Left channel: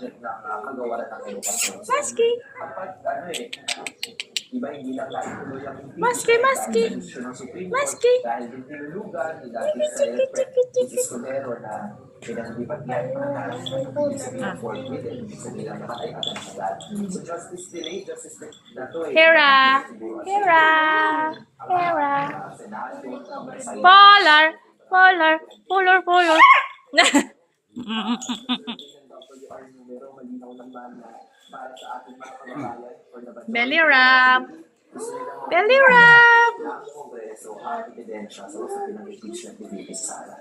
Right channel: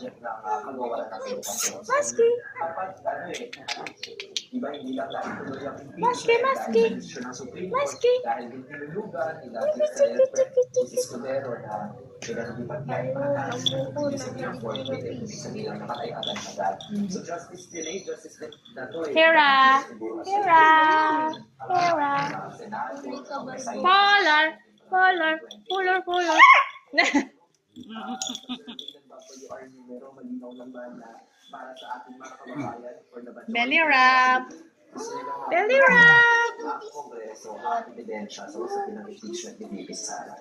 project ng kagawaran ng edukasyon. Maski! Kapag iba hindi lang lagi tuloy ang Maski, maski! Maski! dahil din tinulugan ni dating Senate President Escudero na pinag-lipat niya yung mga ibig sabihin forfeited, ibig sabihin lang nakatay agad-agad. So justice delayed, justice na to Hera! Hera! Hera! Polar! Polar! Polar! Polar! Belly wrap! Belly wrap!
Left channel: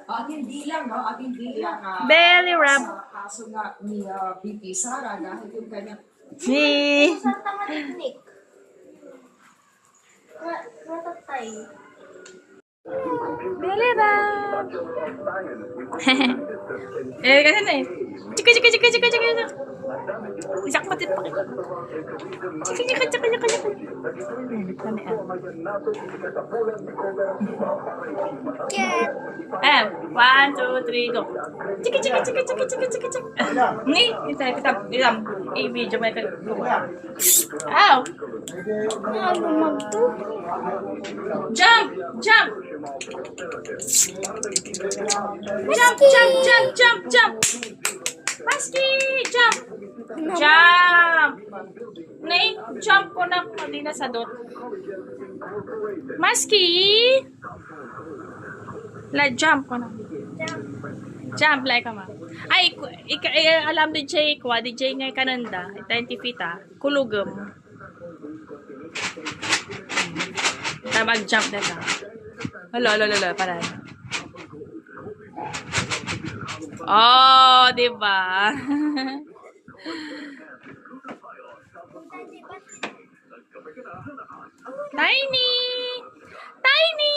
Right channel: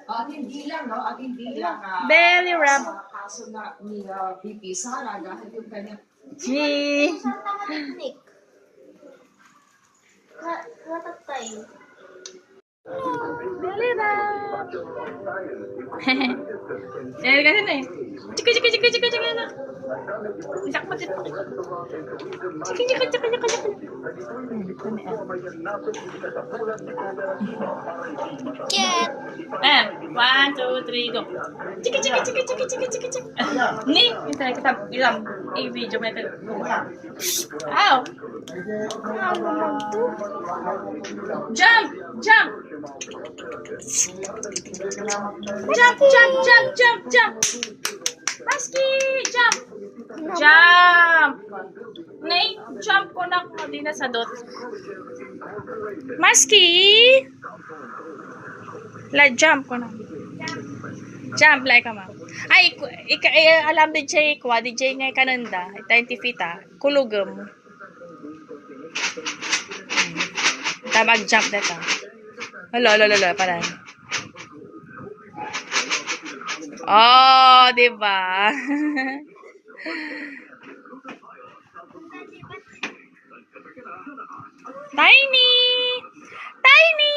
At hindi lang, no? At hindi lang Belly wrap! sa kaso nga ni VP Sara dahil yung kanyang Ni! Saan ka matiknik? Matatay. Belly wrap! Eh, kasi na eh. Chika, chika, chika, chika, chika. Isak mo dito. Chika, chika, chika, chika, chika. Cat! And 1, 2, 3, go. Chika, chika, chika, chika, chika, chika, chika. Ni, kita, i-video mo ito. Ow! Ano naman to? Jump! Jump! Jump, jump, jump, jump, jump! Maski! Jump! Jump! Nay, jump ko na kung hindi na sadot. Maski! Jump ko na. Jump like ka ma. Ay, alam din siya ikwa, di siya nga kananda, 20 feet kulugam. Ta mag-jump na ka. Hala, parang. Oh, diba? Tiny! Tiny!